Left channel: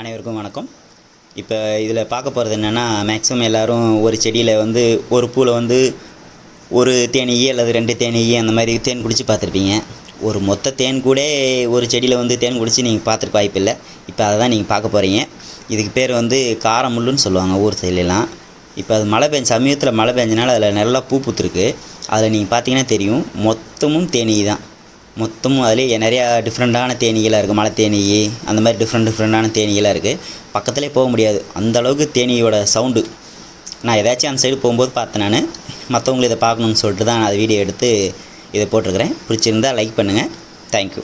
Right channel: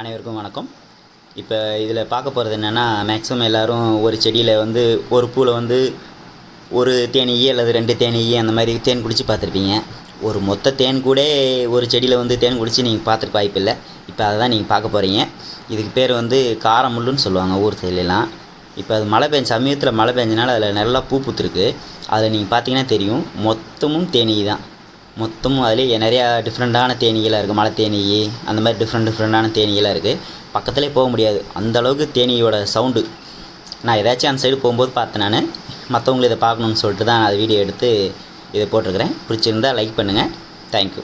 அனைவருக்கும் வணக்கம். இப்போ இதில் பார்க்க போகிறது என்னென்னா மேக்ஸிமம் எல்லோரும் ஒரு செடியில் வந்து ஒரு பூவில் வந்து ஒரு தேனீ அல்லது ரெண்டு தேனீ அந்த மாதிரி தேன் குடித்து பார்த்துருப்பீங்க. ஒரு மொத்த தேன் கூட ஒரு செடியில் வந்து தேன் குடித்து நீங்கள் பார்த்துருக்க வாய்ப்பில்லை. இப்போ அதை தான் நீங்கள் பார்க்க போகிறீங்க இதுக்கு பேர் வந்து காரமுள்ளுன்னு சொல்லுவாங்க ஊர் சைட்லலாம். இப்போ அது மழை பெஞ்ச சமயத்தில் மழை பெஞ்சனால அதில் நல்லா பூ பூத்துருக்கு. அதில் நீங்கள் பார்த்தீங்கன்னா தெரியும் மொத்தமும் தேனீ தான். மொத்தமும் அதுலேயே நிறையா டிஃப்ரெண்ட்டான தேனீகளாக இருக்குது மலை தேனீ அந்த மாதிரி டிஃப்ரெண்ட் டிஃப்ரெண்ட்டான தேனீகளாக இருக்குது பக்கத்துலேயே போக முடியாது. அந்தளவுக்கு தேனியோட சவுண்டு நான் ஏதாச்சும் அந்த சைடு போகும்போது பார்த்தேன் நான். மற்றவங்களை இதை பார்க்கணுன்னு சொல்லிட்டு தான் நான் அதை வீடியோ எடுத்து இதை போட்டிருக்கிறேன். பிடிச்சிருந்தா லைக் பண்ணுங்கள் தேங்க்யூ